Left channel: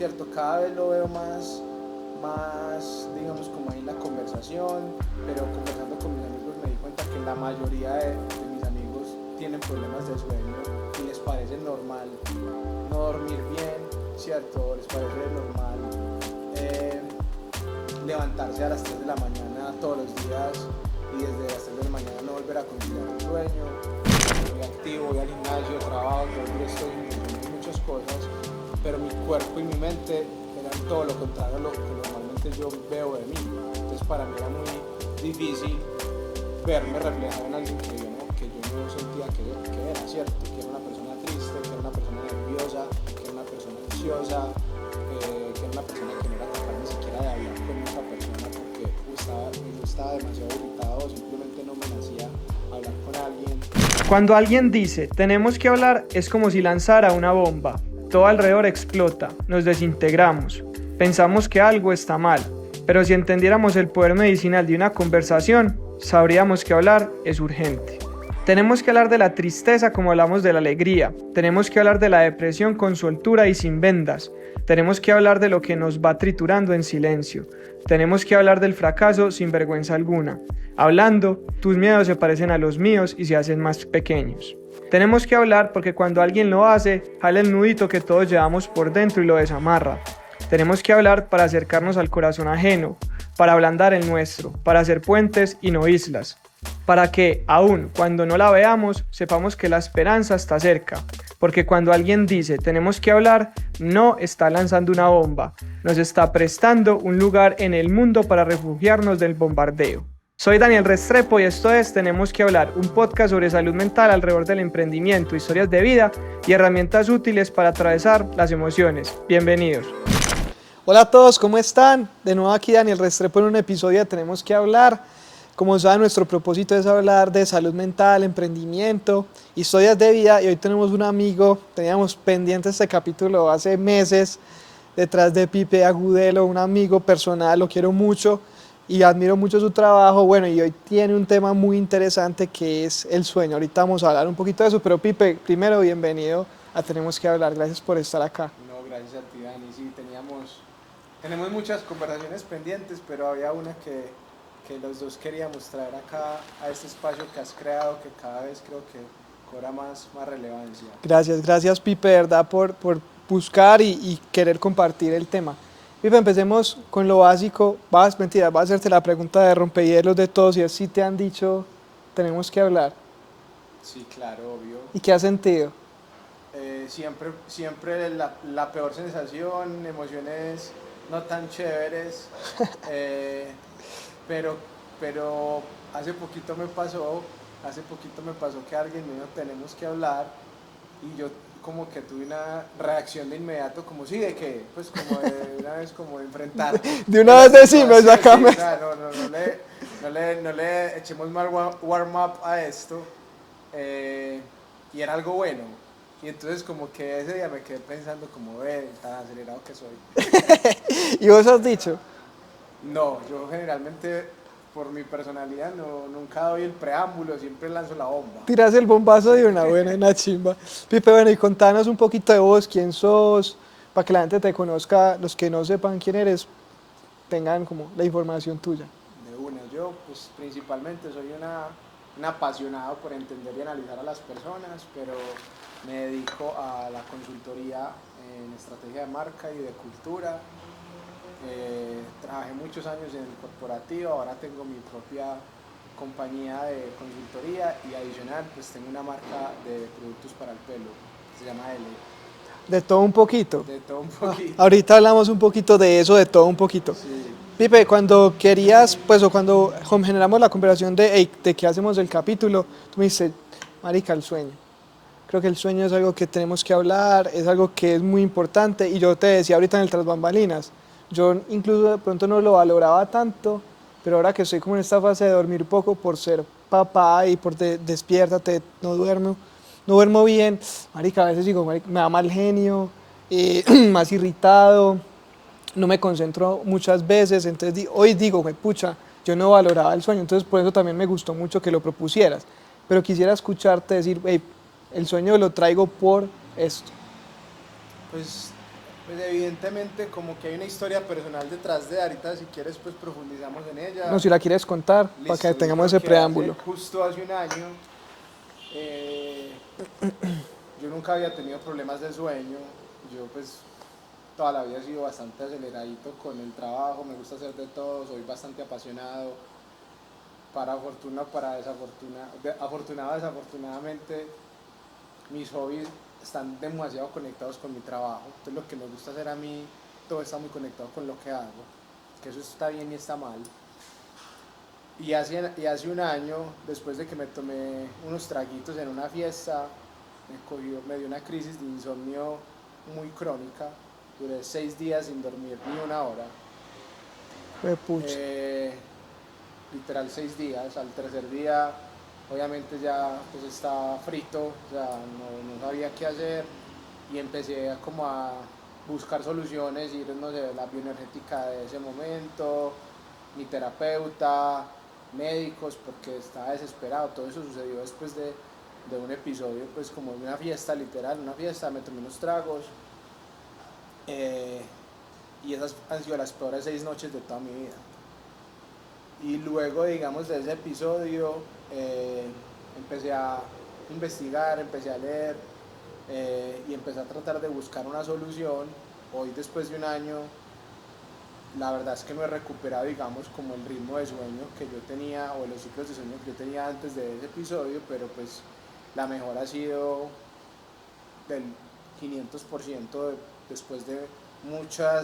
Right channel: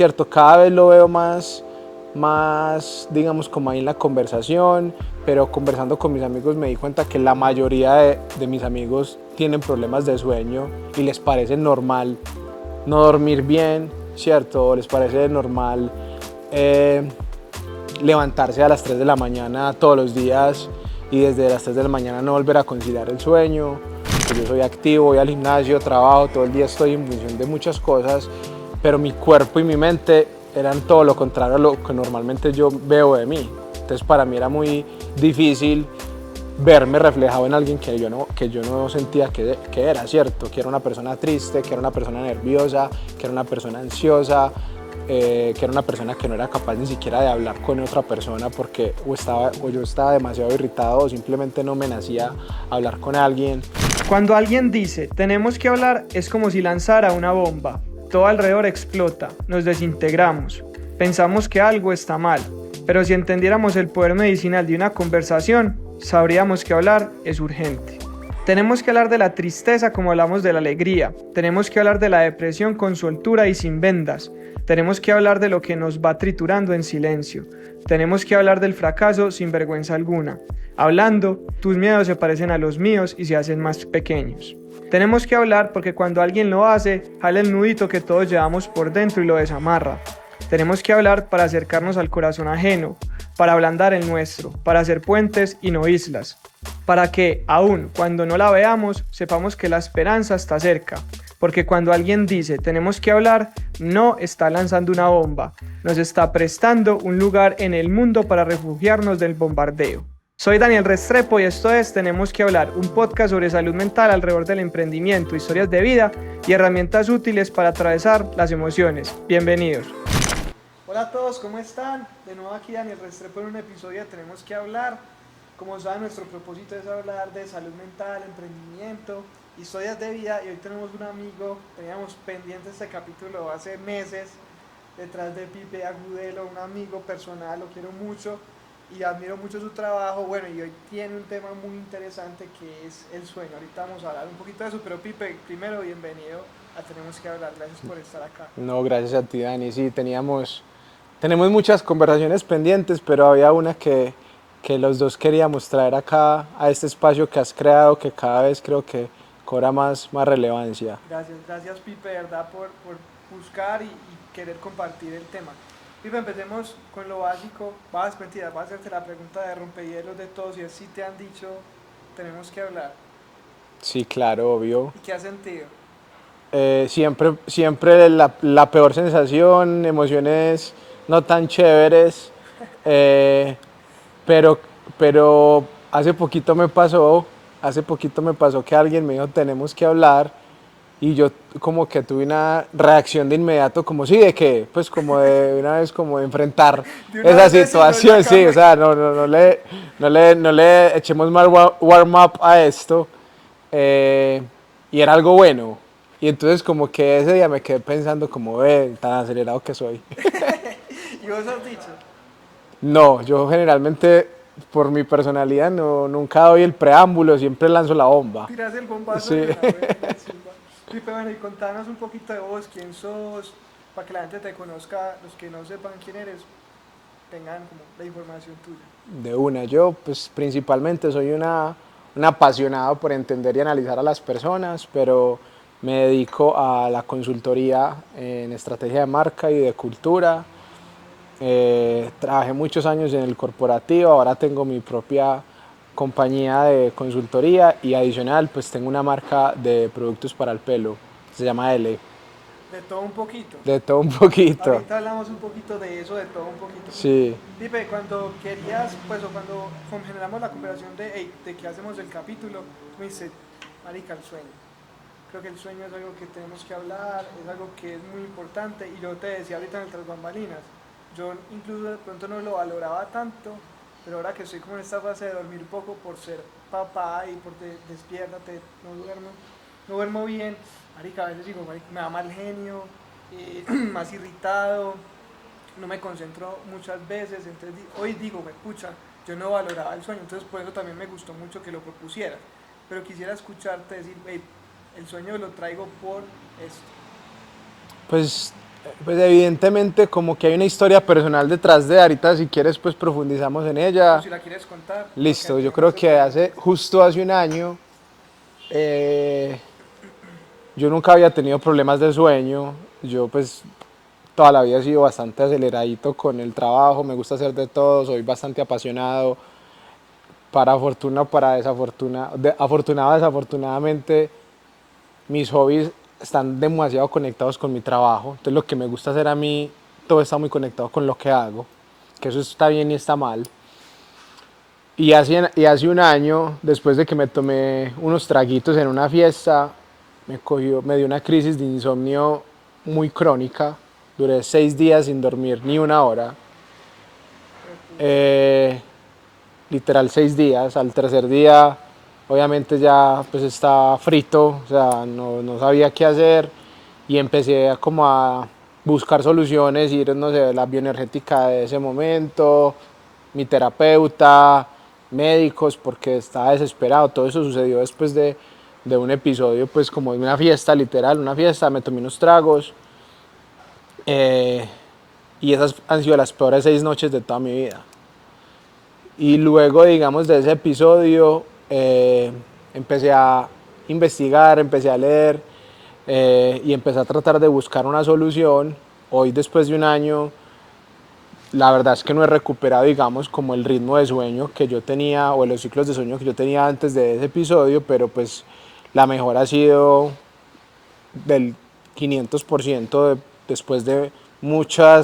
¿cierto? Cada vez lo veo más, digamos, como ahí en la conversación, pero conversando con mis amigos me di cuenta que la mayoría de mis amigos tienen problemas de sueño y les parece normal no dormir bien, ¿cierto? O les parece normal levantarse a las 3 de la mañana todos los días y desde las 3 de la mañana no volver a conciliar el sueño. Yo soy activo, voy al gimnasio, trabajo, todo el día estoy en función de muchas cosas, pero mi cuerpo y mi mente eran todo lo contrario a lo que normalmente yo veo de mí. Entonces para mí era muy difícil verme reflejado en alguien que yo no sentía que era, ¿cierto? Que era una persona triste, que era una persona nerviosa, que era una persona ansiosa, que era una persona que no era capaz ni siquiera de hablar con otra persona porque o yo estaba demasiado irritado o simplemente no me nacía hablar con alguien. Cuando alguien dice tenemos que hablar es como si lanzara una bomba. Todo alrededor explota, nos desintegramos, pensamos que algo está mal, pero si entendiéramos el poder medicinal de una conversación, sabríamos que hablar es urgente. Tenemos que hablar de la tristeza como hablamos de la alegría, tenemos que hablar de la depresión con soltura y sin vendas, tenemos que hablar de lo que nos va triturando en silencio, tenemos que hablar del fracaso sin vergüenza alguna. Hablando, tus miedos se parecen a los míos y se hacen más pequeños. Tenemos que hablar porque cuando alguien lo hace, jala el nudito que todos llevamos por dentro y lo desamarra. Tenemos que hablar para acercarnos al corazón ajeno, para ablandar el nuestro, para hacer puentes y no islas, para que, aun cuando no la veamos, sepamos que la esperanza está cerca, porque cuando alguien dice tenemos que hablar, no está lanzando una bomba, nos está prestando un lugar en el mundo para refugiarnos del bombardeo. Soy Daniel Restrepo y esto es Tenemos que hablar, un podcast sobre salud mental alrededor del emprendimiento, historias de vida y herramientas útiles para atravesar las emociones. Bienvenidos. Hola a todos, ¿cómo están? De nuevo aquí Daniel Restrepo en un episodio de Tenemos que hablar. Como saben, nuestro propósito es hablar de salud mental, emprendimiento, historias de vida y hoy tenemos un amigo, teníamos pendiente este capítulo hace meses, detrás de Pipe Agudelo, un amigo personal, lo quiero mucho y admiro mucho su trabajo. Bueno, y hoy tiene un tema muy interesante que es el sueño. Ahorita vamos a hablar un poquito de eso, pero Pipe, primero bienvenido a Tenemos que hablar, gracias por estar acá. No, gracias a ti, Dani. Sí, tenemos muchas conversaciones pendientes, pero había una que los dos queríamos traer acá a este espacio que has creado, que cada vez creo que cobra más relevancia. Gracias Pipe, de verdad, por buscar y querer compartir el tema. Pipe, empecemos con lo básico. Vas a hacerte la pregunta de rompehielos de todos y es si te han dicho tenemos que hablar. Sí, claro, obvio. ¿Y qué has sentido? Siempre la peor sensación, emociones no tan chéveres, pero hace poquito me pasó que alguien me dijo tenemos que hablar y yo como que tuve una reacción de inmediato como sí, de que, pues como de una vez como de enfrentar De una esa vez situación, sí, o sea, no le echemos más warm up a esto y era algo bueno. Y entonces como que ese día me quedé pensando como, tan acelerado que soy. ¿Y vos has dicho? No, yo generalmente por mi personalidad nunca doy el preámbulo, siempre lanzo la bomba. Tiras el bombazo Sí. de una buena, una chimba. Pipe, bueno, y contanos un poquito de vos, quién sos, para que la gente te conozca, los que no sepan quién eres, tengan como la información tuya. De una, yo pues principalmente soy un apasionado por entender y analizar a las personas, pero me dedico a la consultoría en estrategia de marca y de cultura. Trabajé muchos años en el corporativo, ahora tengo mi propia compañía de consultoría y adicional pues tengo una marca de productos para el pelo, se llama L. De todo un poquito. De todo un poquito. Ahorita hablamos un poquito de eso, de todo un poquito. Sí. Pipe, cuando querías, pues, o cuando generamos la conversación de, hey, de qué hacemos el capítulo, tú me dices, marica, el sueño. Creo que el sueño es algo que tenemos que hablar, es algo que es muy importante. Y yo te decía ahorita en el Tras Bambalinas, yo incluso de pronto no lo valoraba tanto, pero ahora que estoy como en esta fase de dormir poco por ser papá y por despiértate, no duermo bien, marica, a veces digo, marica, me da mal genio, más irritado, no me concentro muchas veces, entonces hoy digo, pucha, yo no valoraba el sueño, entonces por eso también me gustó mucho que lo propusieras, pero quisiera escucharte decir, hey, el sueño lo traigo por esto. Pues Pues evidentemente como que hay una historia personal detrás de ahorita, si quieres pues profundizamos en ella. O si la quieres contar, para que Listo, yo tengamos creo ese que preámbulo. justo hace un año eh, yo nunca había tenido problemas de sueño. Yo pues toda la vida he sido bastante aceleradito con el trabajo, me gusta hacer de todo, soy bastante apasionado. Para fortuna o para desafortuna, afortunado o desafortunadamente, mis hobbies están demasiado conectados con mi trabajo. Entonces lo que me gusta hacer a mí, todo está muy conectado con lo que hago, que eso está bien y está mal. Y hace un año, después de que me tomé unos traguitos en una fiesta, me dio una crisis de insomnio muy crónica. Duré 6 días sin dormir ni una hora. Pucha. Eh, Literal 6 días. Al tercer día, obviamente ya pues estaba frito, o sea, no sabía qué hacer y empecé como a buscar soluciones, ir, no sé, la bioenergética de ese momento, mi terapeuta, médicos, porque estaba desesperado. Todo eso sucedió después de un episodio, pues como de una fiesta, literal, una fiesta, me tomé unos tragos eh, y esas han sido las peores 6 noches de toda mi vida. Y luego, digamos, de ese episodio, empecé a investigar, empecé a leer y empecé a tratar de buscar una solución. Hoy, después de un año, la verdad es que no he recuperado, digamos, como el ritmo de sueño que yo tenía o los ciclos de sueño que yo tenía antes de ese episodio, pero pues la mejora ha sido del 500% después de mucha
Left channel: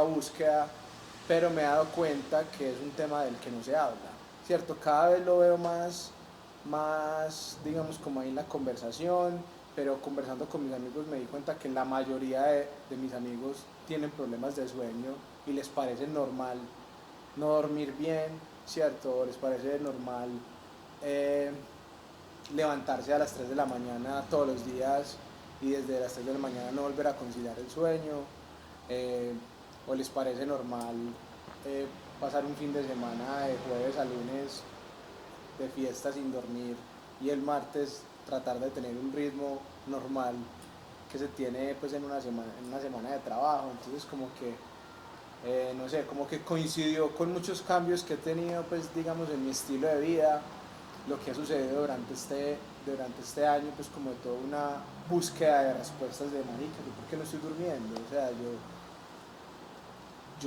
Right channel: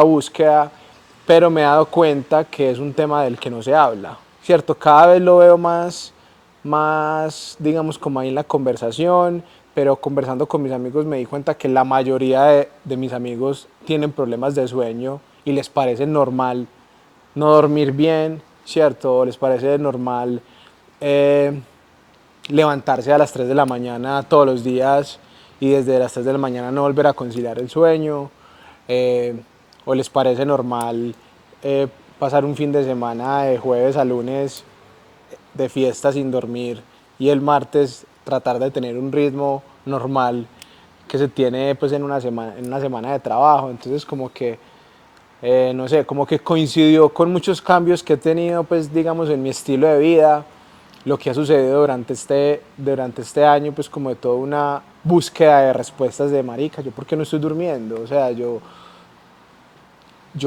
búsqueda, pero me he dado cuenta que es un tema del que no se habla, ¿cierto? Cada vez lo veo más, digamos, como ahí en la conversación, pero conversando con mis amigos me di cuenta que la mayoría de mis amigos tienen problemas de sueño y les parece normal no dormir bien, ¿cierto? Les parece normal eh, levantarse a las 3 de la mañana todos los días y desde las 3 de la mañana no volver a conciliar el sueño, eh, o les parece normal eh, pasar un fin de semana de jueves a lunes de fiesta sin dormir y el martes tratar de tener un ritmo normal que se tiene pues en una semana de trabajo. Entonces como que no sé, como que coincidió con muchos cambios que he tenido, pues digamos, en mi estilo de vida, lo que ha sucedido durante este año, pues como de toda una búsqueda de respuestas de marica, yo por qué no estoy durmiendo, o sea, yo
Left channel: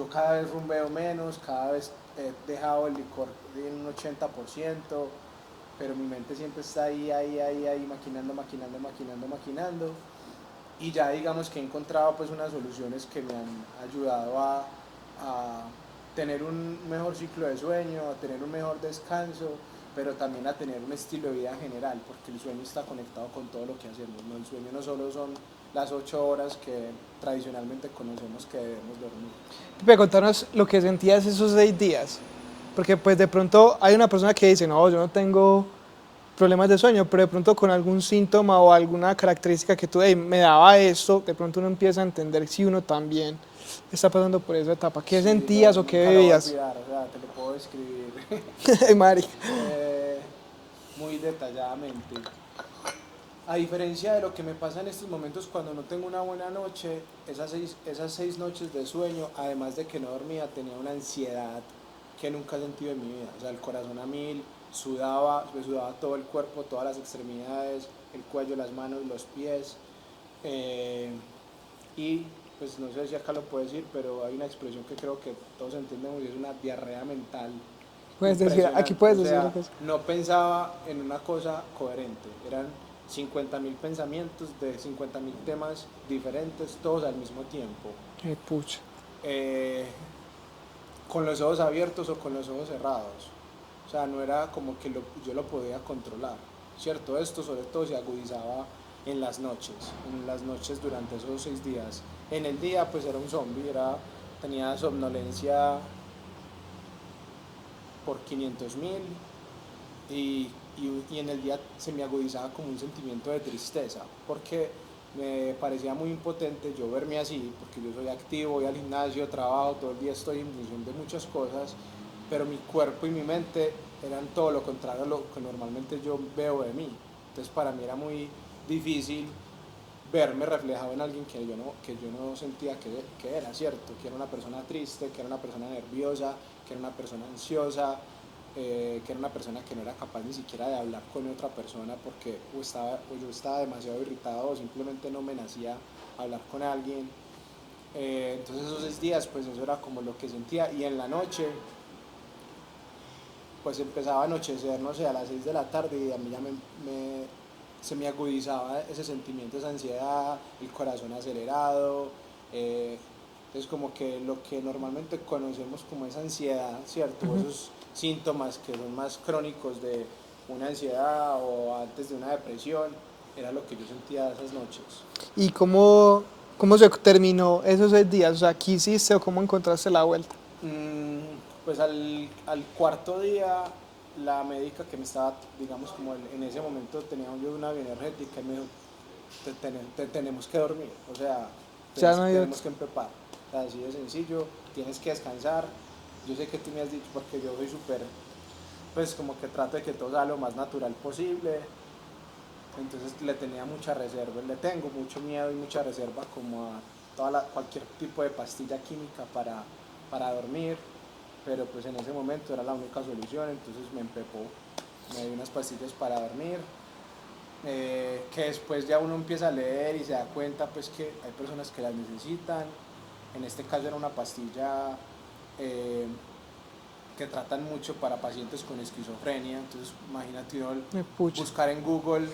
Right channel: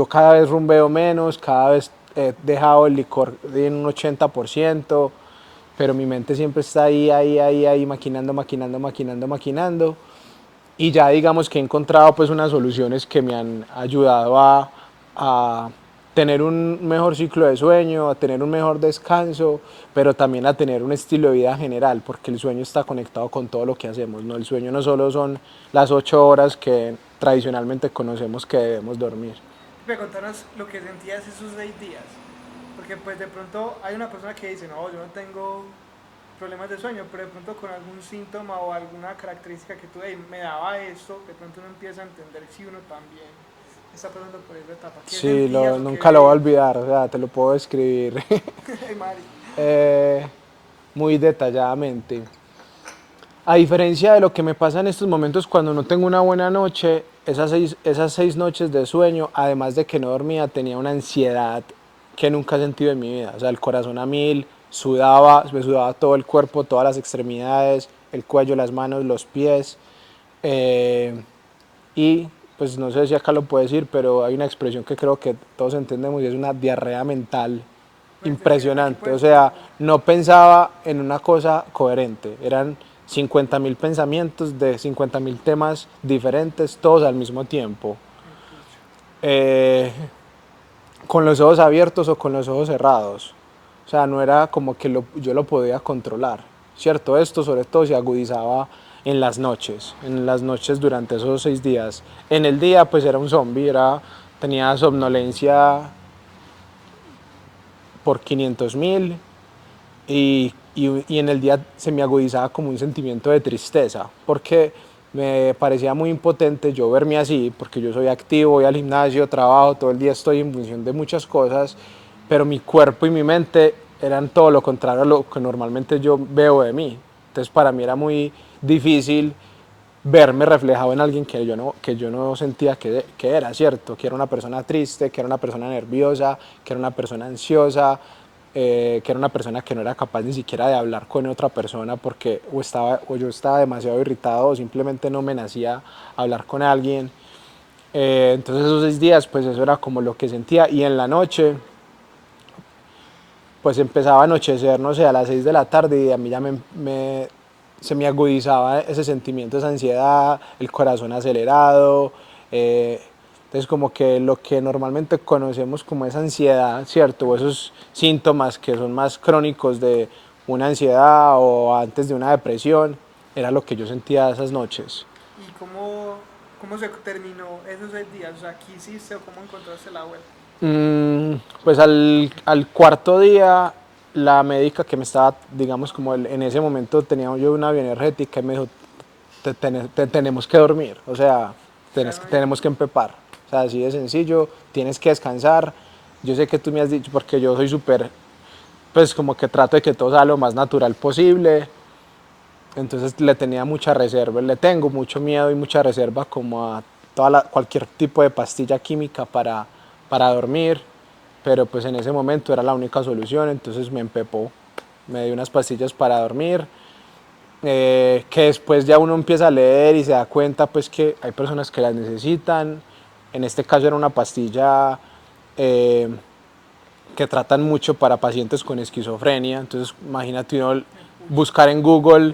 cada vez rumbeo menos, cada vez he dejado el licor en un 80%, pero mi mente siempre está ahí, maquinando, maquinando, maquinando, maquinando. Y ya digamos que he encontrado pues unas soluciones que me han ayudado a tener un mejor ciclo de sueño, a tener un mejor descanso, pero también a tener un estilo de vida general, porque el sueño está conectado con todo lo que hacemos, ¿no? El sueño no solo son las 8 horas que tradicionalmente conocemos que debemos dormir. Puede contarnos lo que sentías esos 6 días. Porque pues de pronto hay una persona que dice, no, yo no tengo problemas de sueño, pero de pronto con algún síntoma o alguna característica que tú, "Ey, me daba esto", de pronto uno empieza a entender si uno también está pasando por esa etapa. ¿Qué Sí, sentías o qué nunca lo voy a veías? olvidar, o sea, te lo puedo describir Ay, Mari. eh, muy detalladamente. A diferencia de lo que me pasa en estos momentos cuando no tengo una buena noche, esas seis noches de sueño, además de que no dormía, tenía una ansiedad que nunca he sentido en mi vida. O sea, el corazón a mil, me sudaba todo el cuerpo, todas las extremidades, el cuello, las manos, los pies. eh, y pues no sé si acá lo puedo decir, pero hay una expresión que creo que todos entendemos y es una diarrea mental Puedes decir, aquí impresionante. O puedes decir, sea, pues, no pensaba en una cosa coherente. Eran 50.000 pensamientos de 50.000 temas diferentes, todos al mismo tiempo. qué pucha. Eh, con los ojos abiertos o con los ojos cerrados. O sea, no era como que yo lo podía controlar. ¿Cierto? Esto sobre todo se agudizaba en las noches durante esos 6 días. En el día pues era un zombie, tenía somnolencia por 500.000 y en el día se me agudizaba como un sentimiento de tristeza, porque me parecía muy impotente yo verme así, porque yo soy activo, voy al gimnasio, trabajo, todo el día estoy en función de muchas cosas, pero mi cuerpo y mi mente eran todo lo contrario a lo que normalmente yo veo de mí. Entonces para mí era muy difícil verme reflejado en alguien que yo no sentía que era, ¿cierto? Que era una persona triste, que era una persona nerviosa, que era una persona ansiosa, que era una persona que no era capaz ni siquiera de hablar con otra persona porque o yo estaba demasiado irritado o simplemente no me nacía hablar con alguien. Entonces esos 6 días, pues eso era como lo que sentía. Y en la noche, pues empezaba a anochecer, no sé, a las 6 de la tarde y a mí ya se me agudizaba ese sentimiento, esa ansiedad, el corazón acelerado. Entonces como que lo que normalmente conocemos como esa ansiedad, ¿cierto? O esos síntomas que son más crónicos de una ansiedad o antes de una depresión, era lo que yo sentía esas noches. ¿Y cómo se terminó esos 6 días? O sea, ¿qué hiciste o cómo encontraste la vuelta? Pues al cuarto día, la médica que me estaba, digamos, como en ese momento tenía yo una bioenergética y me dijo, te tenemos que dormir, o sea, O sea, no hay- tenemos que empepar. O sea, así de sencillo, tienes que descansar. Yo sé que tú me has dicho, porque yo soy súper, pues como que trato de que todo sea lo más natural posible. Entonces le tenía mucha reserva, le tengo mucho miedo y mucha reserva como a cualquier tipo de pastilla química para dormir, pero pues en ese momento era la única solución, entonces me empepó, me dio unas pastillas para dormir, que después ya uno empieza a leer y se da cuenta pues que hay personas que las necesitan. En este caso era una pastilla eh, que tratan mucho para pacientes con esquizofrenia, entonces imagínate uno Pucha. buscar en Google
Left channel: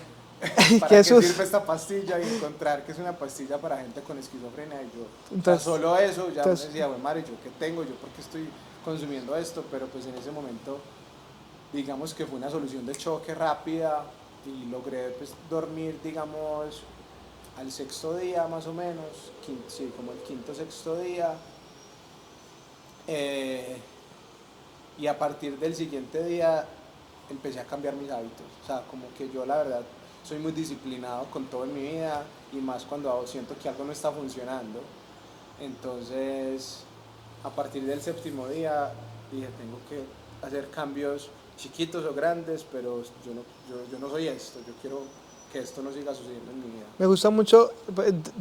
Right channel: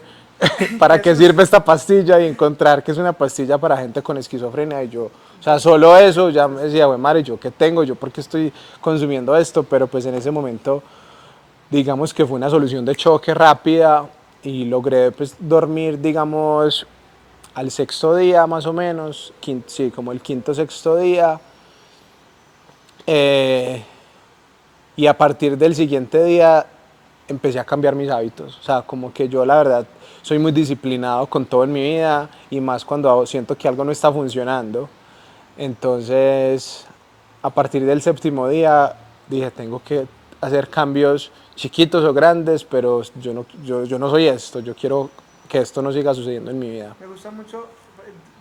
para qué Jesús. sirve esta pastilla y encontrar que es una pastilla para gente con esquizofrenia y yo, o sea, solo eso ya me decía, güey, madre, ¿yo qué tengo? ¿Yo por qué estoy consumiendo esto? Pero pues en ese momento, digamos que fue una solución de choque rápida y logré pues dormir, digamos, al sexto día más o menos, sí, como el quinto sexto día. Eh, y a partir del siguiente día empecé a cambiar mis hábitos. O sea, como que yo la verdad soy muy disciplinado con todo en mi vida y más cuando siento que algo no está funcionando. Entonces, a partir del séptimo día dije, tengo que hacer cambios chiquitos o grandes, pero yo no soy esto, yo quiero que esto no siga sucediendo en mi vida. Me gusta mucho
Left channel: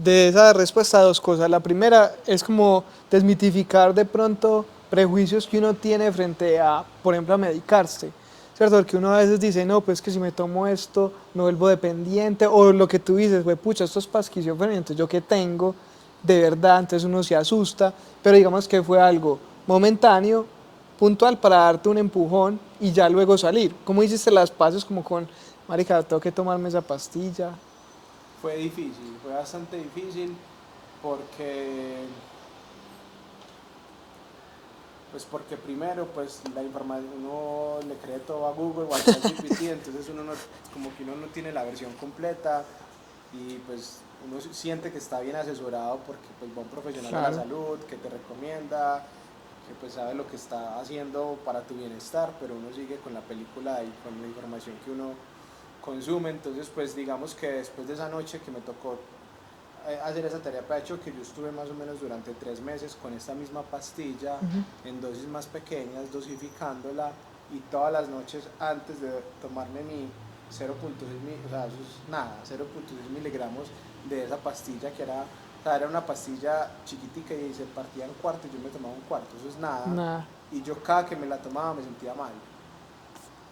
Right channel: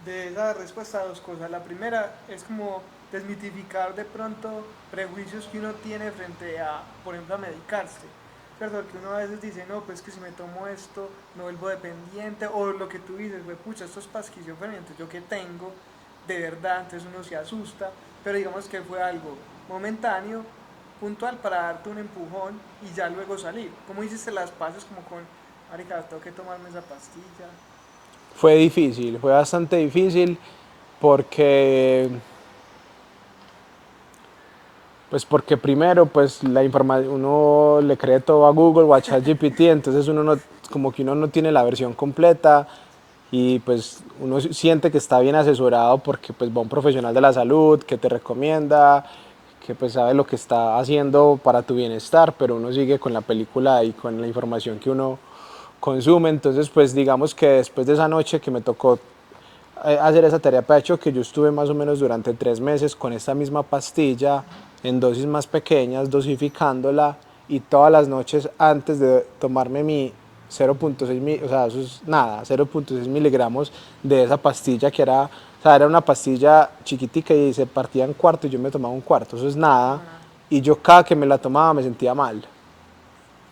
de esa respuesta dos cosas. La primera es como desmitificar de pronto prejuicios que uno tiene frente a, por ejemplo, a medicarse. ¿Cierto? Porque uno a veces dice, no, pues que si me tomo esto, me vuelvo dependiente. O lo que tú dices, güey, pucha, esto es para esquizofrenia, entonces yo qué tengo, de verdad, entonces uno se asusta. Pero digamos que fue algo momentáneo, puntual, para darte un empujón y ya luego salir. ¿Cómo hiciste las paces como con, marica, tengo que tomarme esa pastilla? Fue difícil, fue bastante difícil porque pues porque primero, pues la información, uno le cree todo a Google o a ChatGPT, entonces uno no, como que uno no tiene la versión completa y pues uno siente que está bien asesorado porque pues va un profesional de la salud que te recomienda, que pues sabe lo que está haciendo para tu bienestar, pero uno sigue con la película y con la información que uno consume, entonces pues digamos que después de esa noche que me tocó hacer esa tarea de hecho que yo estuve más o menos durante 3 meses con esta misma pastilla en dosis más pequeñas, dosificándola y todas las noches antes de tomarme mi 0.6, o sea, eso es nada, 0.6 miligramos de esa pastilla que era, o sea, era una pastilla chiquitica y se partía en cuarto y yo me tomaba un cuarto, eso es nada. Nah, Y yo cada que me la tomaba me sentía mal.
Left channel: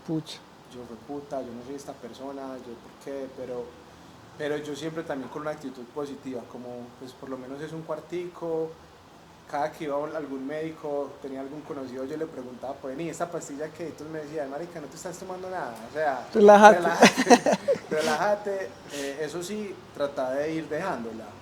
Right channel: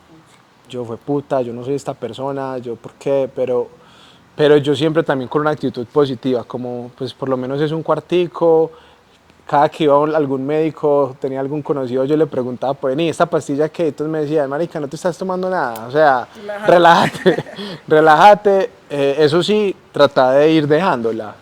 pucha. Yo fue puta, yo no soy esta persona, yo por qué, pero yo siempre también con una actitud positiva, como pues por lo menos es un cuartico, cada que iba a algún médico, tenía algún conocido, yo le preguntaba, pues, ¿y esta pastilla qué? Entonces me decía, marica, no te estás tomando nada, o sea, Relájate. relájate, relájate. Eso sí, trata de ir dejándola,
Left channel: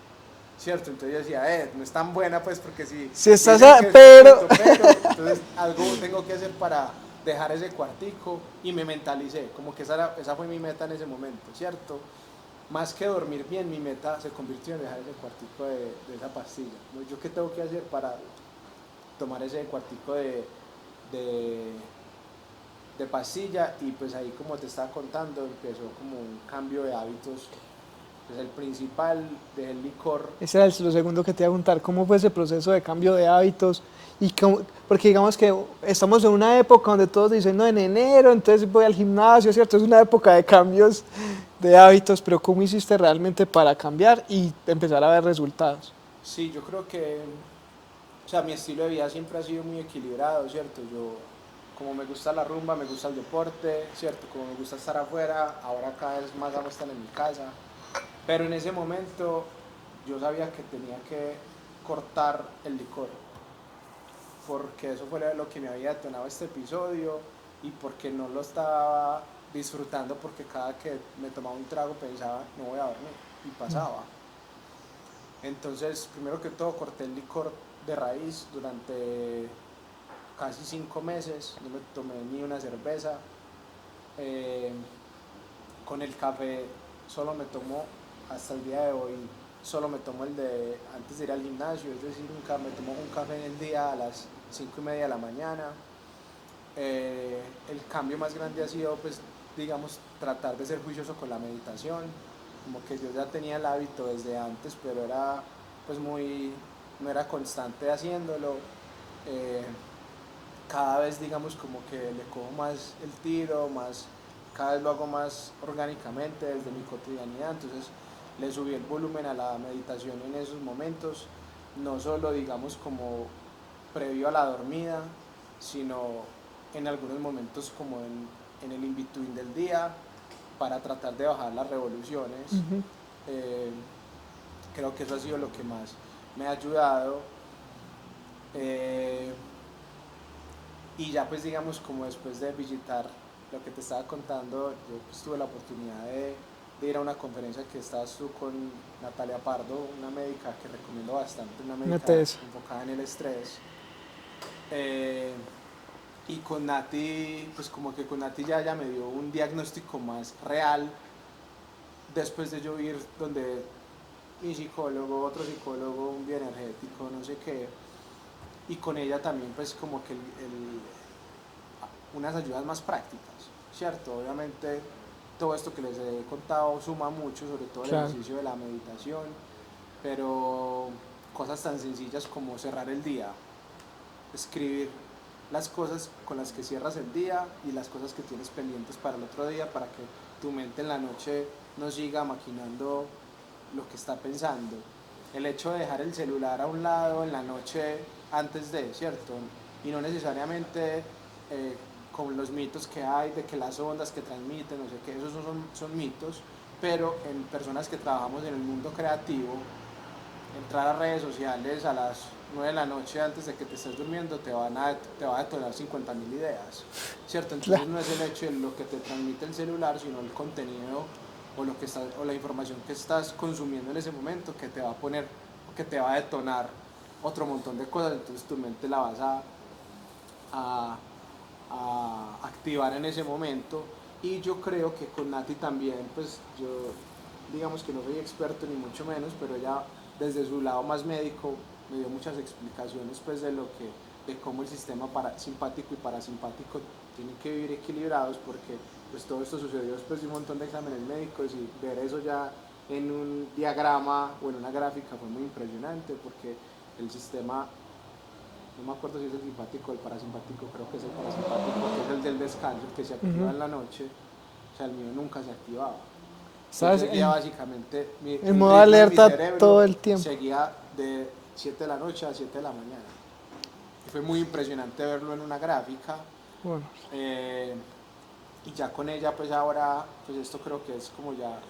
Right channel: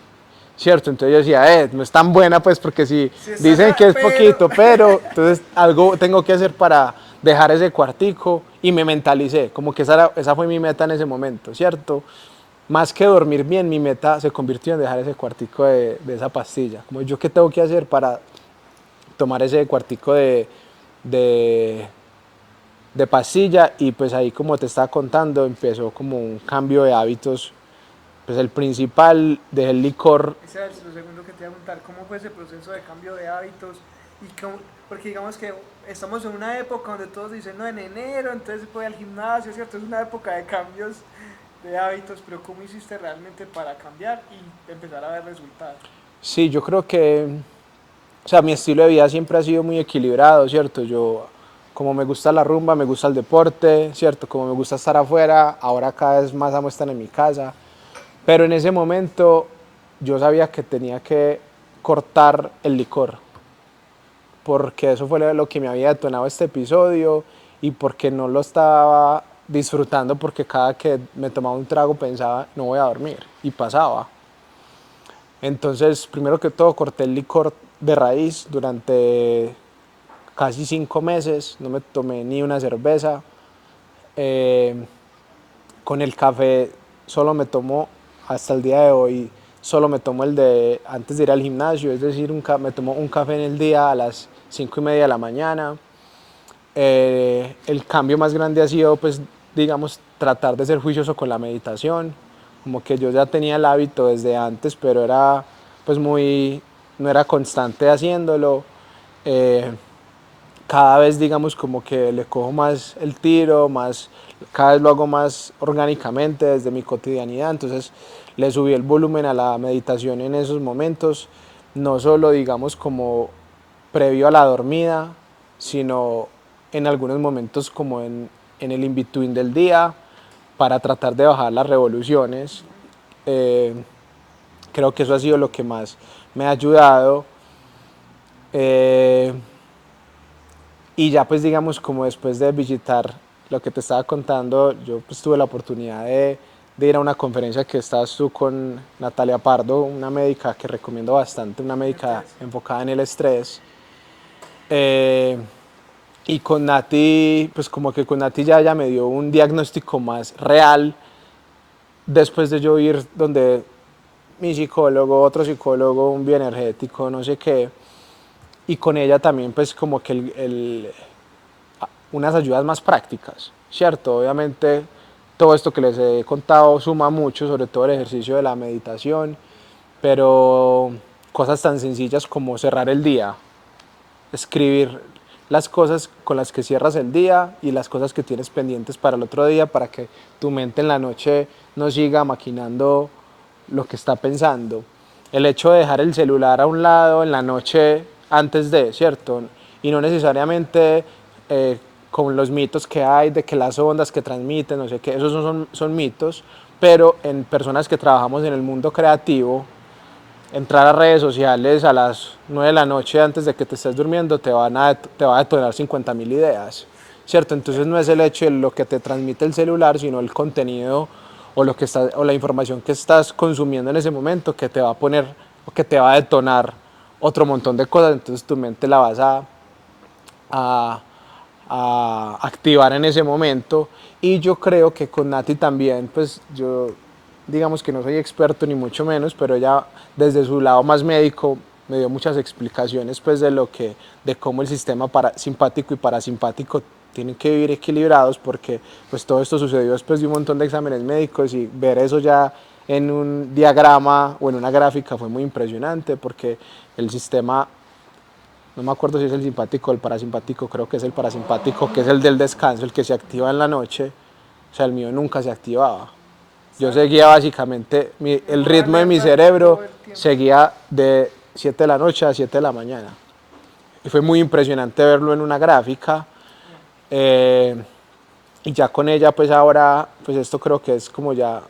¿cierto? Entonces yo decía, no es tan buena, pues, porque si Si estás dicen que es pero- poquito, pero, entonces algo tengo que hacer para dejar ese cuartico y me mentalicé, como que esa fue mi meta en ese momento, ¿cierto? Más que dormir bien, mi meta se convirtió en dejar ese cuartico de esa pastilla. Como yo qué tengo que hacer para tomar ese cuartico de, de pastilla y pues ahí como te estaba contando empezó como un cambio de hábitos. Pues el principal, dejé el licor. Ese era lo segundo que te iba a preguntar, ¿cómo fue ese proceso de cambio de hábitos? Porque digamos que estamos en una época donde todos dicen, no, en enero, entonces voy al gimnasio, ¿cierto? Es una época de cambios de hábitos, pero ¿cómo hiciste realmente para cambiar y empezar a ver resultados? Sí, yo creo que, o sea, mi estilo de vida siempre ha sido muy equilibrado, ¿cierto? Yo, como me gusta la rumba, me gusta el deporte, ¿cierto? Como me gusta estar afuera, ahora cada vez más amo estar en mi casa. Pero en ese momento yo sabía que tenía que cortar el licor, porque eso fue lo que me había detonado este episodio y porque no lo estaba disfrutando, porque cada que me tomaba un trago pensaba, no voy a dormir, y pasaba. Entonces, primero que todo, corté el licor de raíz durante casi 5 meses, no me tomé ni una cerveza. Eh, con el café solo me tomo, hasta el día de hoy, solo me tomo el de antes de ir al gimnasio, es decir, me tomo un café en el día a las 5:30 de la mañana. El cambio más grande ha sido, pues, digamos, tratar de ser juicioso con la meditación, como que yo ya tenía el hábito desde antes, pero era, pues, no era constante haciéndolo. Eh, Cada vez, digamos, como que le cojo más el tiro, cada vez lo hago más orgánicamente desde mi cotidianidad, entonces le subí el volumen a la meditación en esos momentos, no solo, digamos, como previo a la dormida, sino en algunos momentos como en el in-between del día, para tratar de bajar las revoluciones. Eh, Creo que eso ha sido lo que más me ha ayudado. Eh, y ya pues digamos como después de visitar lo que te estaba contando, yo pues tuve la oportunidad de ir a una conferencia que estabas tú con Natalia Pardo, una médica que recomiendo bastante, una médica NTS. enfocada en el estrés. Eh, y con Nati, pues como que con Nati ya me dio un diagnóstico más real después de yo ir donde mi psicólogo, otro psicólogo, un bioenergético, no sé qué. Y con ella también pues como que unas ayudas más prácticas, ¿cierto? Obviamente todo esto que les he contado suma mucho, sobre todo el Claro. ejercicio de la meditación, pero cosas tan sencillas como cerrar el día, escribir las cosas con las que cierras el día y las cosas que tienes pendientes para el otro día para que tu mente en la noche no siga maquinando lo que está pensando. El hecho de dejar el celular a un lado en la noche antes de, ¿cierto? Y no necesariamente eh, con los mitos que hay de que las ondas que transmiten, no sé qué, esos son mitos, pero en personas que trabajamos en el mundo creativo, entrar a redes sociales a las 9 de la noche antes de que te estés durmiendo te va a detonar 50.000 ideas, ¿cierto? Entonces no es el hecho de lo que te transmite el celular, sino el contenido o la información que estás consumiendo en ese momento que te va a poner o que te va a detonar otro montón de cosas, entonces tu mente la vas a, a activar en ese momento. Y yo creo que con Nati también, pues yo digamos que no soy experto ni mucho menos, pero ella desde su lado más médico me dio muchas explicaciones pues de cómo el sistema simpático y parasimpático tienen que vivir equilibrados, porque pues todo esto sucedió después de un montón de exámenes médicos, y ver eso ya en un diagrama o en una gráfica fue muy impresionante, porque el sistema, no me acuerdo si es el simpático o el parasimpático, creo que es el parasimpático, que es el del descanso, el que se activa en la noche, o sea, el mío nunca se activaba. Yo ¿Sabes? seguía básicamente, En el modo ritmo de mi alerta cerebro todo el tiempo. seguía de 7 de la noche a 7 de la mañana. Y fue muy impresionante verlo en una gráfica. Bueno, eh, y ya con ella, pues ahora, pues esto creo que es como ya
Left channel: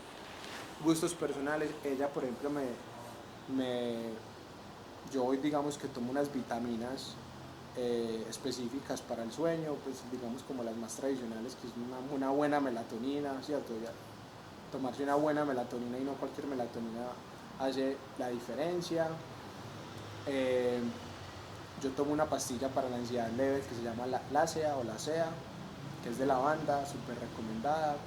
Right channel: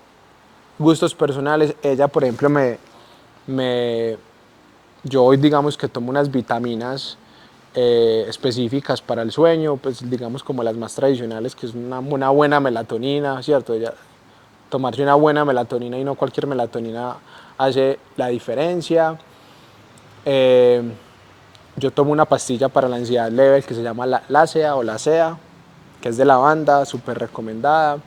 gustos personales. Ella, por ejemplo, me yo hoy digamos que tomo unas vitaminas específicas para el sueño, pues digamos como las más tradicionales, que es una buena melatonina, ¿cierto? Ella, tomarse una buena melatonina y no cualquier melatonina hace la diferencia. Eh, yo tomo una pastilla para la ansiedad leve que se llama Lacea o Lacea, que es de lavanda, súper recomendada.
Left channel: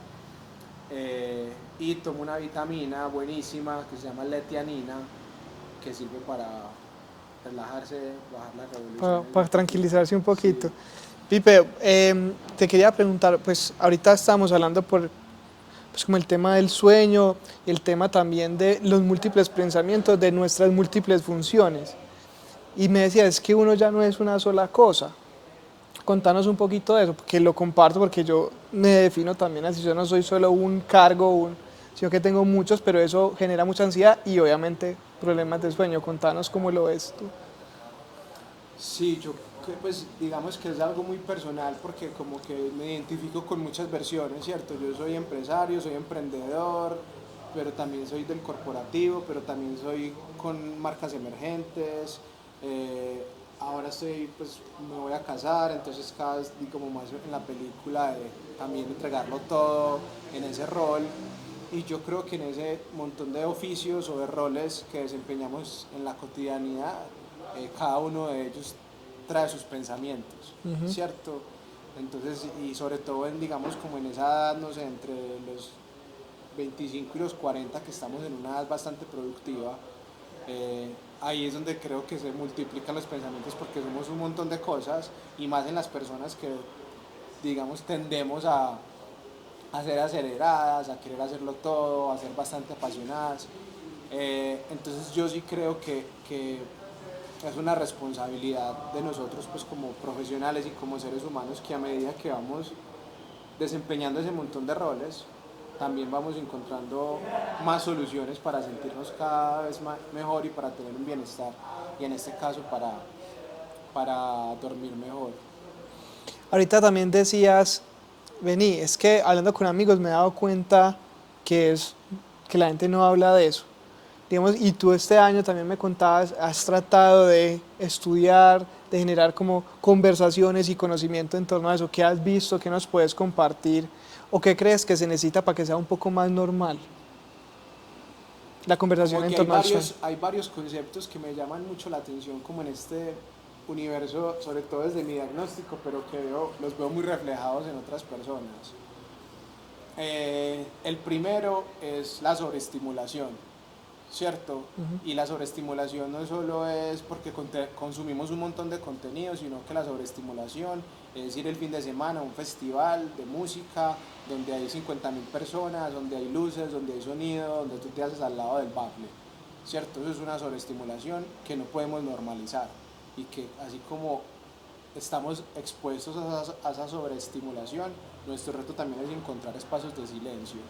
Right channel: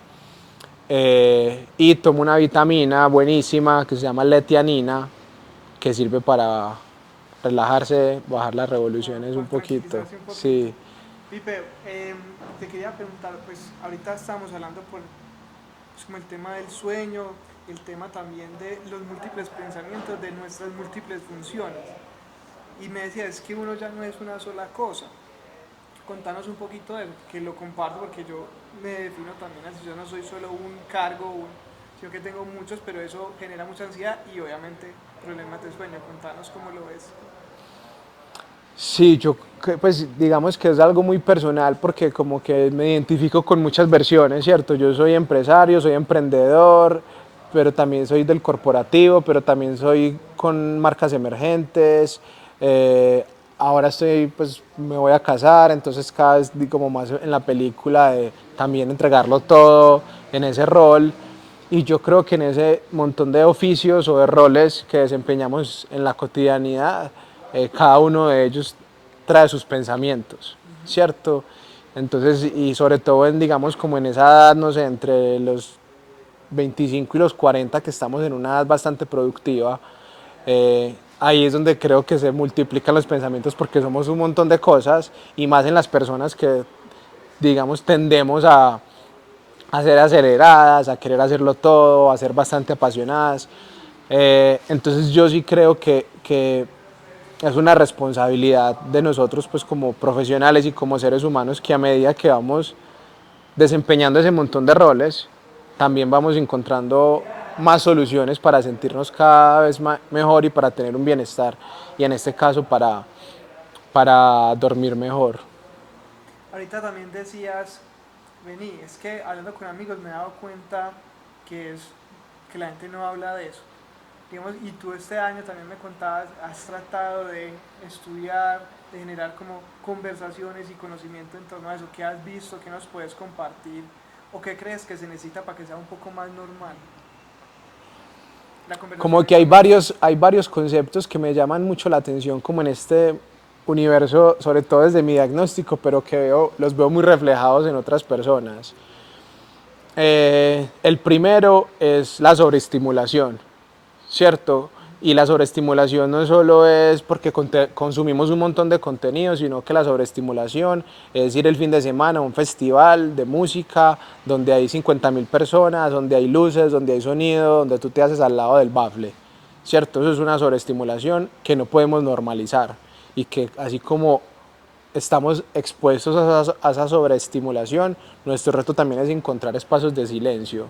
Y tomo una vitamina buenísima que se llama letianina, que sirve para relajarse, bajar las revoluciones para un poquito. tranquilizarse un poquito. Sí. Pipe, te quería preguntar, pues ahorita estamos hablando por pues, como el tema del sueño, el tema también de los múltiples pensamientos, de nuestras múltiples funciones. Y me decía, es que uno ya no es una sola cosa. Contanos un poquito de eso, porque lo comparto, porque yo me defino también así, yo no soy solo un cargo, sino que tengo muchos, pero eso genera mucha ansiedad y obviamente problemas de sueño. Contanos cómo lo ves tú. Sí, pues digamos que es algo muy personal porque como que me identifico con muchas versiones, ¿cierto? Yo soy empresario, soy emprendedor, pero también soy del corporativo, pero también soy con marcas emergentes. Ahora pues me voy a casar, entonces cada vez como más en la película de también entregarlo todo en ese rol. Y yo creo que en ese montón de oficios o de roles que desempeñamos en la cotidianidad, cada uno de ellos trae sus pensamientos, ¿cierto? Entonces, y sobre todo digamos, como en esa edad, no sé, entre los 25 y los 40, que estamos en una edad bastante productiva, ahí es donde creo que se multiplican los pensamientos porque somos un montón de cosas y más en las personas que, digamos, tendemos a ser aceleradas, a querer hacerlo todo, a ser bastante apasionadas. Entonces yo sí creo que es una responsabilidad de nosotros pues como profesionales y como seres humanos que a medida que vamos desempeñando ese montón de roles, también vamos encontrando más soluciones para sentirnos cada vez mejor y para tener un bienestar y en este caso para dormir mejor. Ahorita también decías, vení, es que hablando con amigos me he dado cuenta que la gente no habla de eso. Digamos, y tú este año también me contabas, has tratado de estudiar, de generar como conversaciones y conocimiento en torno a eso. ¿Qué has visto? ¿Qué nos puedes compartir? ¿O qué crees que se necesita para que sea un poco más normal la conversación Como en que torno al sueño? hay varios conceptos que me llaman mucho la atención como en este universo, sobre todo desde mi diagnóstico, pero que los veo muy reflejados en otras personas. El primero es la sobreestimulación, ¿cierto? Y la sobreestimulación no solo es porque consumimos un montón de contenido, sino que la sobreestimulación es ir el fin de semana a un festival de música donde hay 50.000 personas, donde hay luces, donde hay sonido, donde tú te haces al lado del bafle, ¿cierto? Eso es una sobreestimulación que no podemos normalizar y que así como estamos expuestos a esa sobreestimulación, nuestro reto también es encontrar espacios de silencio,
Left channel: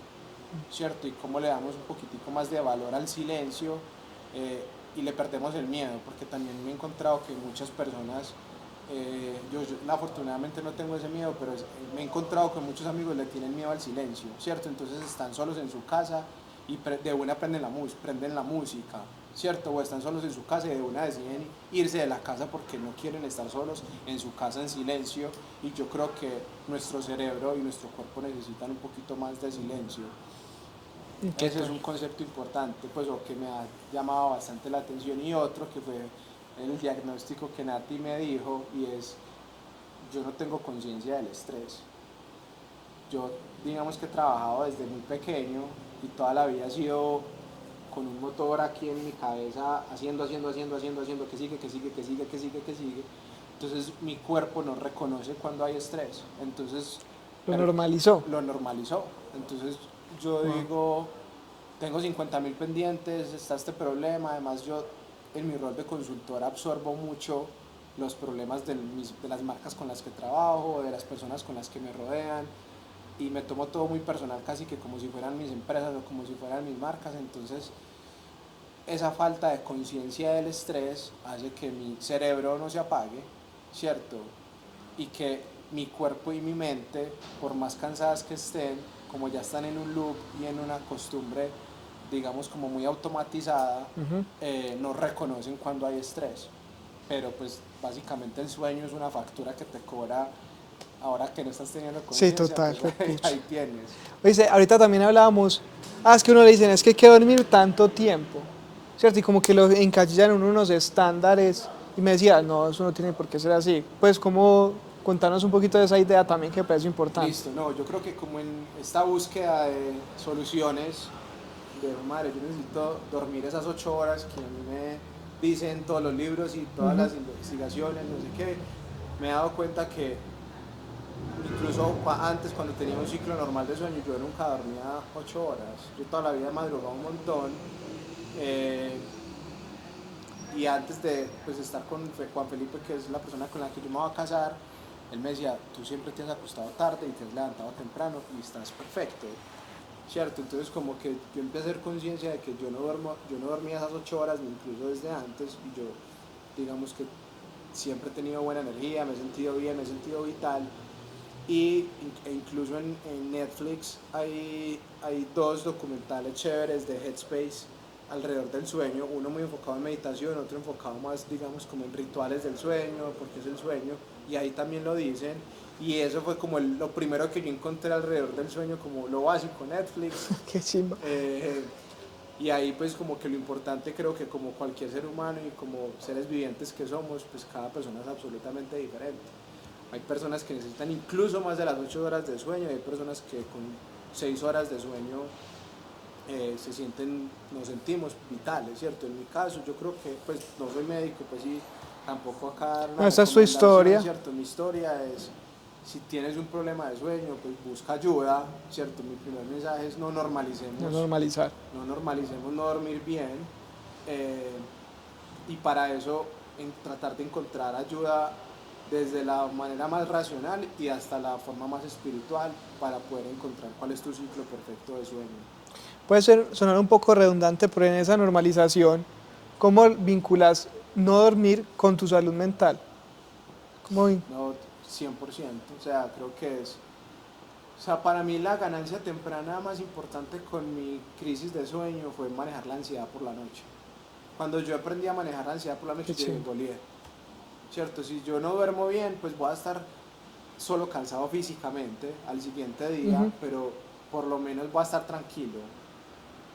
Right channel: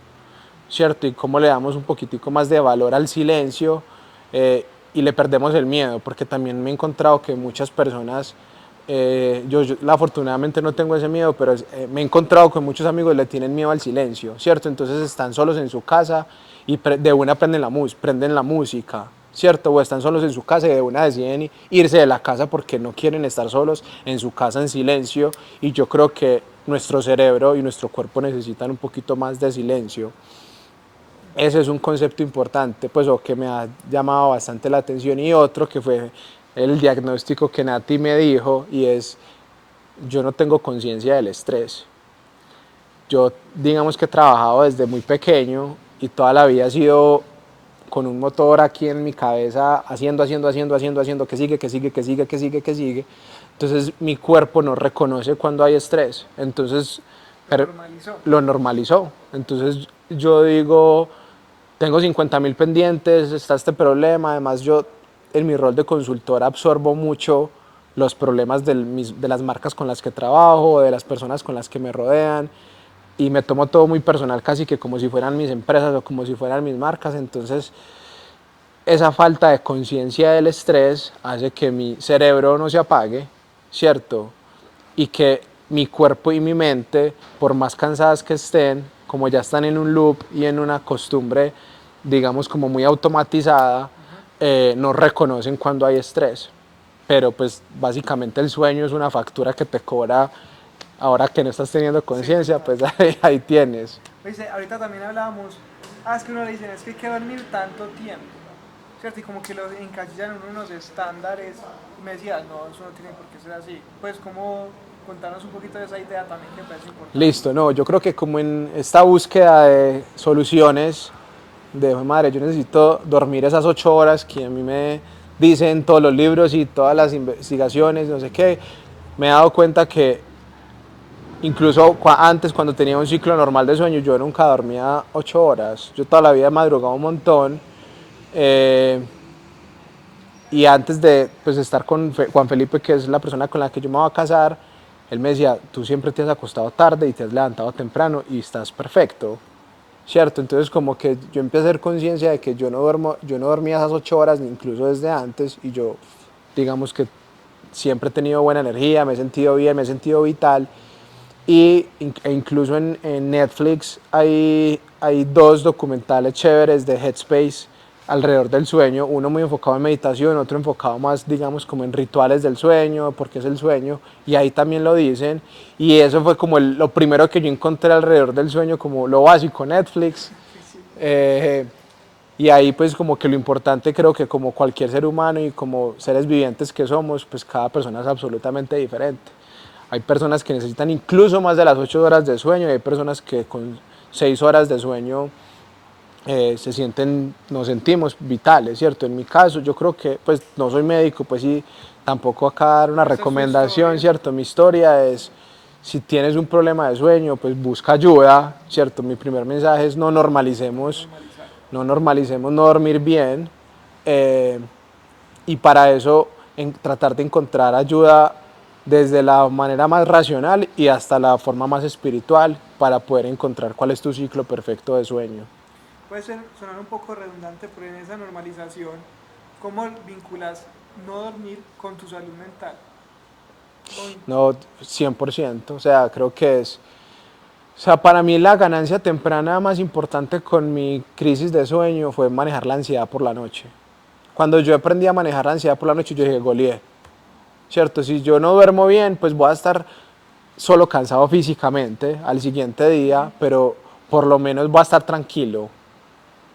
¿cierto? Y cómo le damos un poquitico más de valor al silencio y le perdemos el miedo, porque también me he encontrado que muchas personas, yo afortunadamente no tengo ese miedo, pero me he encontrado que muchos amigos le tienen miedo al silencio, ¿cierto? Entonces están solos en su casa y de una prenden la música, ¿cierto? O están solos en su casa y de una deciden irse de la casa porque no quieren estar solos en su casa en silencio y yo creo que nuestro cerebro y nuestro cuerpo necesitan un poquito más de silencio. Ese es un concepto importante, pues, o que me ha llamado bastante la atención. Y otro que fue el diagnóstico que Nati me dijo, y es, yo no tengo conciencia del estrés. Yo, digamos que he trabajado desde muy pequeño y toda la vida he sido con un motor aquí en mi cabeza, haciendo, que sigue, que sigue, que sigue, que sigue, que sigue. Entonces mi cuerpo no reconoce cuando hay estrés. Entonces Lo normalizó. lo normalizó. Entonces yo digo, tengo 50.000 pendientes, está este problema, además yo en mi rol de consultor absorbo mucho los problemas de las marcas con las que trabajo, de las personas con las que me rodean y me tomo todo muy personal, casi que como si fueran mis empresas o como si fueran mis marcas. Entonces esa falta de conciencia del estrés hace que mi cerebro no se apague, ¿cierto? Y que mi cuerpo y mi mente, por más cansadas que estén, como ya están en un loop y en una costumbre, digamos, como muy automatizada, no reconocen cuando hay estrés. Pero pues básicamente el sueño es una factura que te cobra ahora que no estás teniendo Sí, conciencia, total. pues ahí tienes. Oye, ahorita también hablábamos, es que uno le dicen, es que hay que dormir tanto tiempo, ¿cierto? Y como que lo encasillan en unos estándares, y me decía, no, eso no tiene por qué ser así. Pues, como contarnos un poquito de esa idea también que parece importante. Listo, no, yo creo que como en esta búsqueda de soluciones, de madre, yo necesito dormir esas 8 horas que a mí me dicen todos los libros y todas las investigaciones, no sé qué, me he dado cuenta que incluso antes, cuando tenía un ciclo normal de sueño, yo nunca dormía 8 horas. Yo toda la vida madrugaba un montón. Y antes de pues, estar con Juan Felipe, que es la persona con la que yo me voy a casar, él me decía, tú siempre te has acostado tarde y te has levantado temprano y estás perfecto. ¿cierto? Entonces como que yo empecé a hacer conciencia de que yo no dormía esas 8 horas, incluso desde antes, y yo, digamos que siempre he tenido buena energía, me he sentido bien, me he sentido vital, e incluso en Netflix hay dos documentales chéveres de Headspace alrededor del sueño, uno muy enfocado en meditación, otro enfocado más, digamos, como en rituales del sueño, porque es el sueño, y ahí también lo dicen, y eso fue como lo primero que yo encontré alrededor del sueño, como lo básico, Netflix. Qué chimba. Y ahí pues como que lo importante, creo que como cualquier ser humano y como seres vivientes que somos, pues cada persona es absolutamente diferente. Hay personas que necesitan incluso más de las 8 horas de sueño y hay personas que con 6 horas de sueño nos sentimos vitales, ¿cierto? En mi caso, yo creo que, pues no soy médico, pues sí, tampoco acá dar una No, esa es tu recomendación, historia. ¿cierto? Mi historia es, si tienes un problema de sueño, pues busca ayuda, ¿cierto? Mi primer mensaje es Normalizar. no normalicemos no dormir bien, eh, y para eso tratar de encontrar ayuda desde la manera más racional y hasta la forma más espiritual para poder encontrar cuál es tu ciclo perfecto de sueño. Puede sonar un poco redundante, pero en esa normalización, ¿cómo vinculas no dormir con tu salud mental? Muy No, 100%, o sea, creo que o sea, para mí la ganancia temprana más importante con mi crisis de sueño fue manejar la ansiedad por la noche. Cuando yo aprendí a manejar la ansiedad por la noche, yo dije, Golié, ¿cierto? Si yo no duermo bien, pues voy a estar solo cansado físicamente al siguiente día, pero por lo menos voy a estar tranquilo,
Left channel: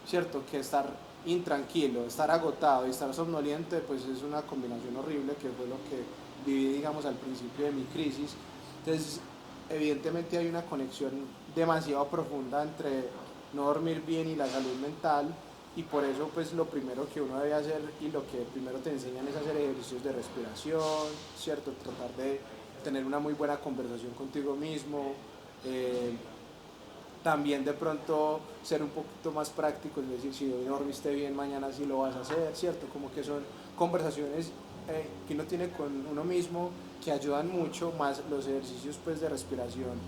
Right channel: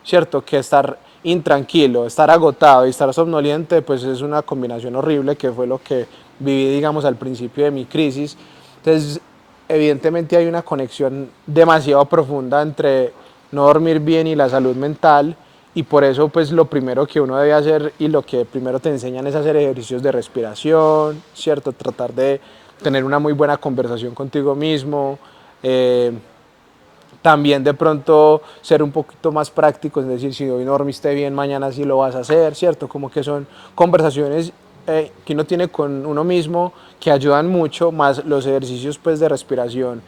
¿cierto? Que estar intranquilo, estar agotado y estar somnoliente, pues es una combinación horrible que fue lo que viví, digamos, al principio de mi crisis. Entonces, evidentemente hay una conexión demasiado profunda entre no dormir bien y la salud mental, y por eso pues lo primero que uno debe hacer y lo que primero te enseñan es hacer ejercicios de respiración, ¿cierto? Tratar de tener una muy buena conversación contigo mismo, también de pronto ser un poquito más práctico, es decir, si hoy no dormiste bien, mañana sí lo vas a hacer, ¿cierto? Como que son conversaciones que uno tiene con uno mismo que ayudan mucho, más los ejercicios pues de respiración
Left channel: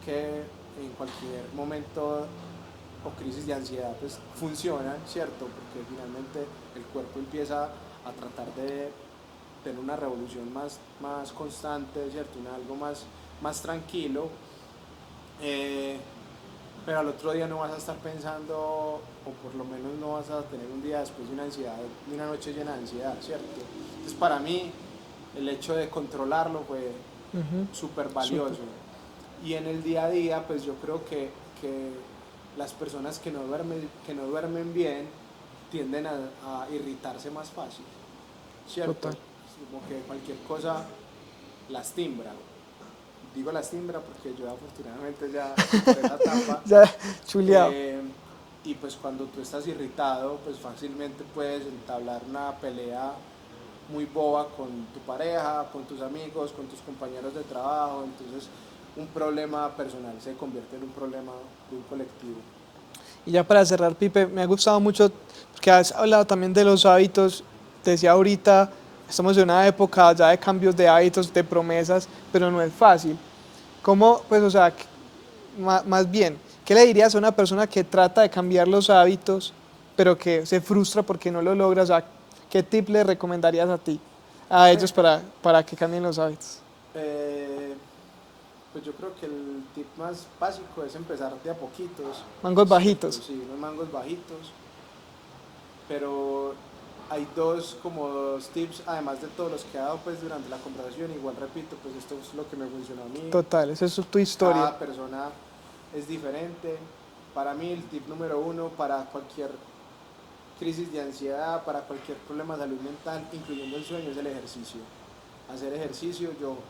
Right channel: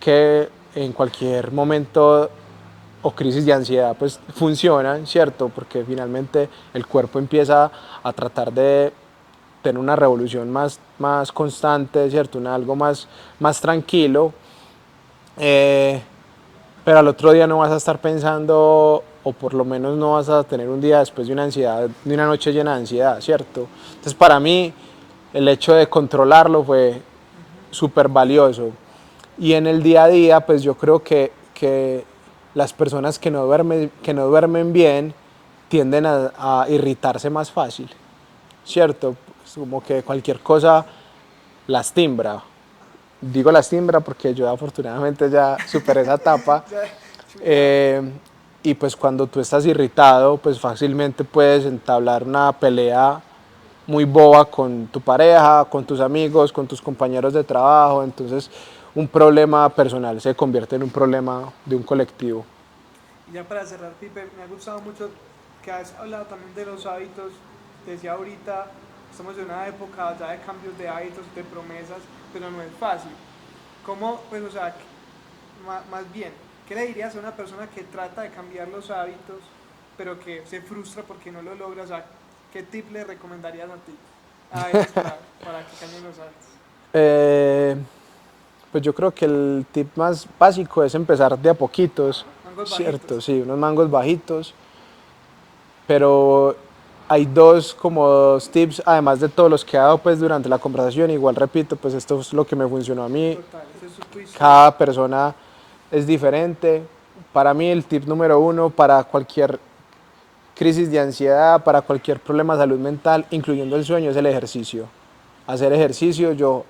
que en cualquier momento o crisis de ansiedad pues funcionan, ¿cierto? Porque finalmente el cuerpo empieza a tratar de tener una revolución más constante, ¿cierto? Algo más tranquilo. Eh, pero al otro día no vas a estar pensando, o por lo menos no vas a tener un día después de una ansiedad, de una noche llena de ansiedad, ¿cierto? Entonces para mí el hecho de controlarlo fue súper valioso. Y en el día a día, pues yo creo que las personas que no duermen bien tienden a irritarse más fácil, ¿cierto? Es como que cualquier cosa las timbra. Digo las timbra porque yo afortunadamente ya superé esa etapa. ya chuleado. Y pues cuando tú estás irritado, pues fácilmente puedes entablar una pelea muy boba con tu pareja, con tus amigos, con tus compañeros de trabajo. Entonces un problema personal se convierte en un problema de un colectivo. Y ya para cerrar, Pipe, me ha gustado mucho que has hablado también de los hábitos. Te decía ahorita, estamos en una época ya de cambios de hábitos, de promesas, pero no es fácil. ¿Cómo, pues, o sea, más bien, qué le dirías a una persona que trata de cambiar los hábitos, pero que se frustra porque no lo logra? O sea, ¿qué tip le recomendarías a ti, a ellos para que cambien los hábitos? Eh, pues yo creo que el tip más básico es empezar de a poquitos. Mangos ¿Cierto? bajitos. Sí, unos mangos bajitos. Pero hay dos como dos tips, además de todos los que he dado pues durante la conversación. Igual repito, pues esto es lo que me funcionó a mí. Total, esa es tu historia. Cada persona es diferente. Para mí el tip número uno para cualquier crisis de ansiedad, para cualquier problema de salud mental, incluyendo el sueño, es el ejercicio. Hacer ejercicio, yo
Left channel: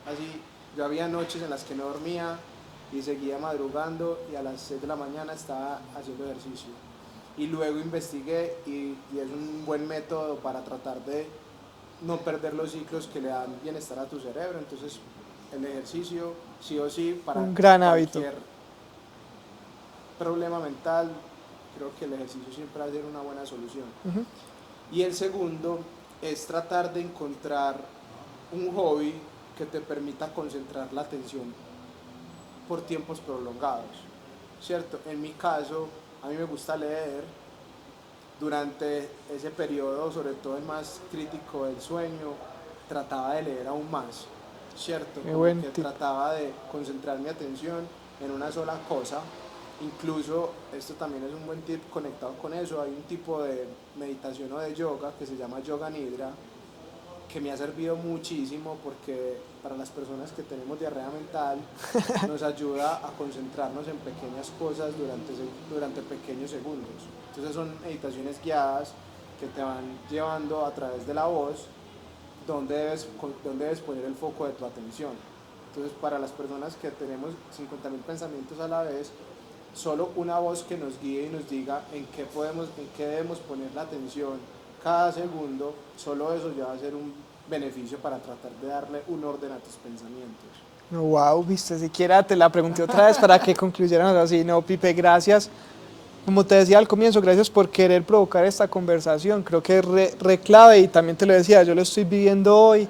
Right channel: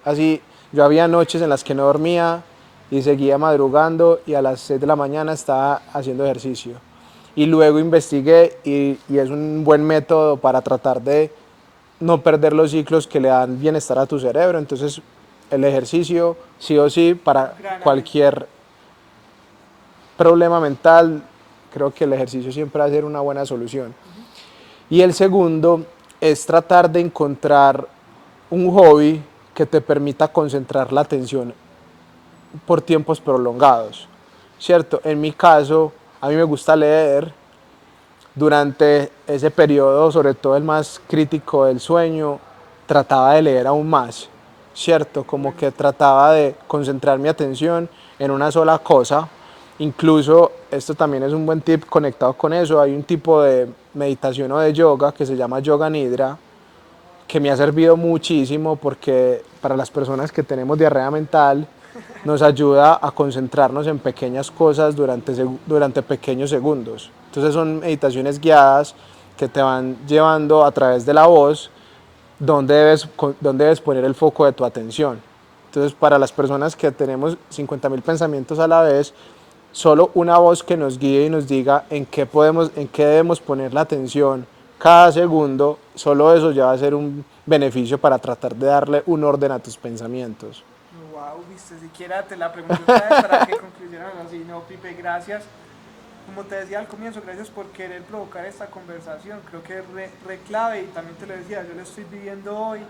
había noches en las que no dormía y seguía madrugando y a las 6 de la mañana estaba haciendo ejercicio. Y luego investigué y es un buen método para tratar de no perder los ciclos que le dan bienestar a tu cerebro. Entonces el ejercicio sí o sí para Un gran cualquier problema mental, creo que el ejercicio siempre va a ser una buena solución. Y el segundo es tratar de encontrar un hobby que te permita concentrar la atención por tiempos prolongados, ¿cierto? En mi caso, A mí me gusta leer. Durante ese periodo, sobre todo el más crítico del sueño, trataba de leer aún más, ¿cierto? Qué Como buen que tip. trataba de concentrar mi atención en una sola cosa. Incluso, esto también es un buen tip conectado con eso, hay un tipo de meditación o de yoga que se llama Yoga Nidra, que me ha servido muchísimo porque para las personas que tenemos diarrea mental nos ayuda a concentrarnos en pequeñas cosas durante pequeños segundos. Entonces son meditaciones guiadas que te van llevando a través de la voz dónde debes poner el foco de tu atención. Entonces para las personas que tenemos 50.000 pensamientos a la vez, solo una voz que nos guíe y nos diga en qué debemos poner la atención cada segundo, solo eso ya va a ser un beneficio para tratar de darle un orden a tus pensamientos. No, wow, viste, siquiera te la pregunté otra vez para que concluyeran así. No, Pipe, gracias. Como te decía al comienzo, gracias por querer provocar esta conversación. Creo que es re clave y también te lo decía, yo lo estoy viviendo hoy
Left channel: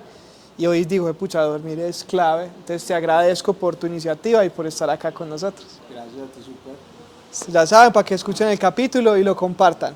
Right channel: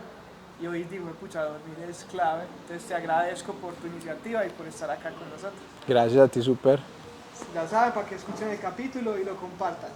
y hoy digo, pucha, dormir es clave. Entonces te agradezco por tu iniciativa y por estar acá con nosotros. Gracias a ti, súper. Ya saben, para que escuchen el capítulo y lo compartan.